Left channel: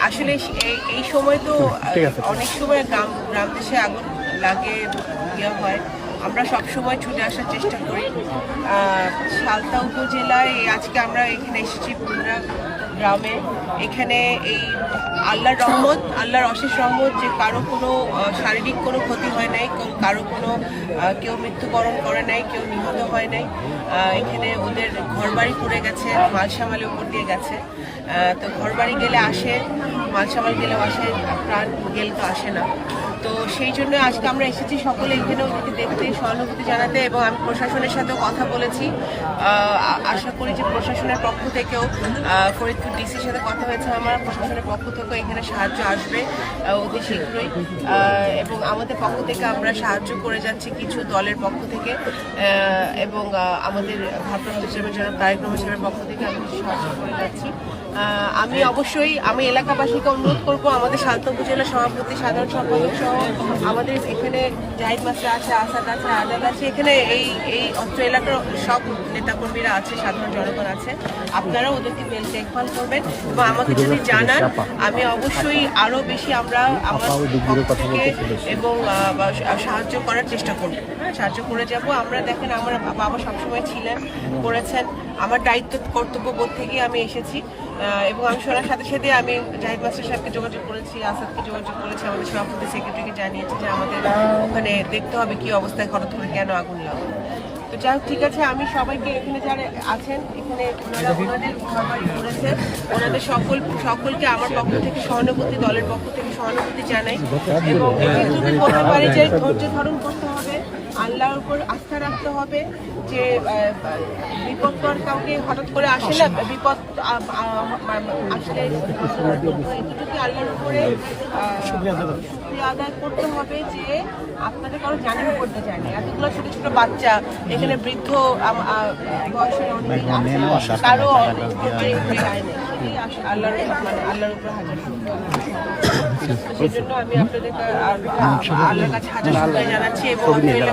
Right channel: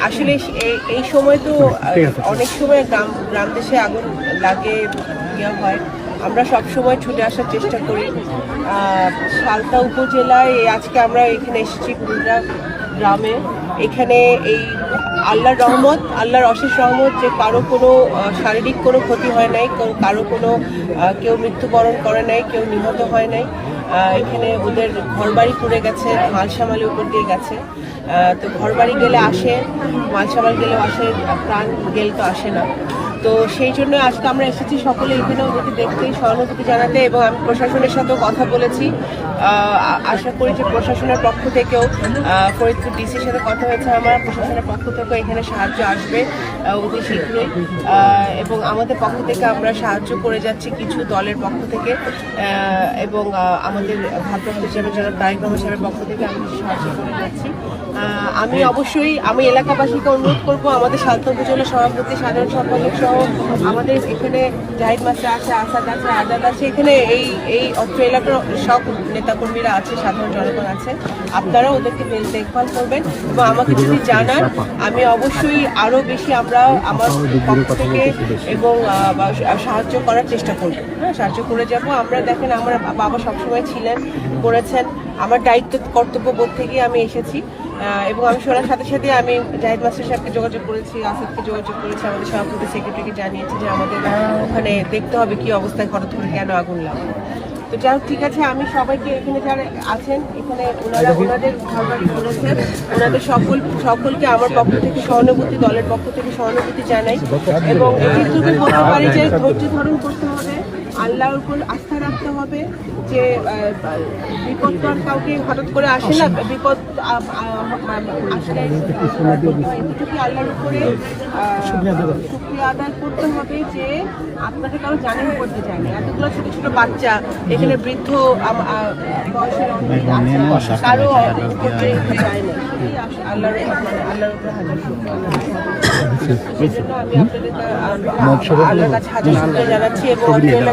আসলে এই- এই সময় তো অনেক সময় গ্রাম গ্রাম দেশে আগুন লাগে ইয়ে হয়। আমরা সব সময় ছুটে আসার চেষ্টা করি। সালতা উপজেলায় আজকে আমরা এখানে এসেছি পুরুলিয়া গ্রামে। এখানে এই আল্লাহর রহমত আল্লাহর অশেষ রহমত যে কারও কোনো শারীরিক কোনো ক্ষতি হয় নাই কারও কোনো কেউ মৃত্যুবরণ করে নাই কেউ নিহত হয় নাই। এখানে ওদের ঘরবাড়ি পুড়ে গেছে, মালসামালের উপর দিয়ে গেছে। তো ঘরবাড়ি গেলে আসে, মালসামাল গেলে আসে, প্রাণ গেলে তো আসে না। তো সেই জন্য আজকে আমরা এসেছি সকলে এখানে ওদেরকে দেখতে, সহানুভূতি জানাতে এবং আমি প্রশাসনের সাথেও কথা বলেছি। আশা করি যে প্রশাসনের পক্ষ থেকেও ফরিদপুর ডিসির সাথে কথা হয়েছে আমার, প্রশাসনের পক্ষ থেকেও এখানে সাহায্য আসবে অতি শীঘ্রই। এবং আমাদের পক্ষ থেকে আমরা সাহায্য করে যাচ্ছি কিছু দলের পক্ষ থেকে এবং আমাদের ভারপ্রাপ্ত হিসাবে যারা কার্যক্রম সাহেবের পক্ষ থেকে আমি সাহায্য করে যাচ্ছি। আমি অবশ্যই, আমি এলাকাবাসীকে অনুরোধ করব আমাদের সালতা উপজেলা সভাপতি, সাধারণ সম্পাদক সহ আমাদের এখানে জাহিদ মাস্টার আছে, আসাদ আছে, আজাদ আছে, এখানে এই এই অত্র এলাকার সব নেতাকর্মীরা আছে, সাধারণ জনগণ আছে। আপনারা ওদেরকে দেখভাল করবেন এবং আমাকে যদি জানান, আমি অবশ্যই আরও বেশি আমরা আমার পক্ষ থেকে এবং সাহায্য করার চেষ্টা করব। হ্যাঁ সাহায্য করে যাব। আমরা দেখেন, আমার বাবা সবসময় ছিলেন, করেছেন। আমার দায়িত্ব কর্তব্য বোধ থেকে আমি এসেছি। এবং আমি শোনার সাথে সাথে আমি জাহিদ মাস্টার সাহেবকে যোগাযোগ করেছি আসাদকে যোগাযোগ করেছি আমাদের সভাপতি সেক্রেটারিকে জানিয়েছি যে আমাদের ওখানে দেখতে হবে কি অবস্থায় হঠাৎ করে কেন আগুন লাগল। তো যাই হোক, ঠিক আছে আমি সবাইকে এখানে যারা আছেন এখানে ওনারা ওনাদের ঘরবাড়ি করেছেন। ওনাদের সকল সকলকে আমার পক্ষ থেকে সহানুভূতি দলের পক্ষ থেকে সহানুভূতি জানাই। এবং এটি করতে পারি যে ধৈর্য ধারণ করতে হবে আল্লাহর উপর আস্থা রাখতে হবে যে বিপদ তো আর কাউকে হঠাৎ করে আসে না বিপদ আসলে এতটুকু আল্লাহর উপরে শুক্রিয়া আদায় করতে হবে। যে আপনাদের কারও জানেন করতে চায়নি এতগুলো ছোট ছোট বাচ্চা এখানে বৃদ্ধ বয়সের অনেক আছে কারও উপর দিয়ে একটু যায় না। আল্লাহর মানে আল্লাহর উপর হাজার সেই জন্য আমি আপনাদের আল্লাহর কাছে হাজার শুক্রিয়া জানাচ্ছি এবং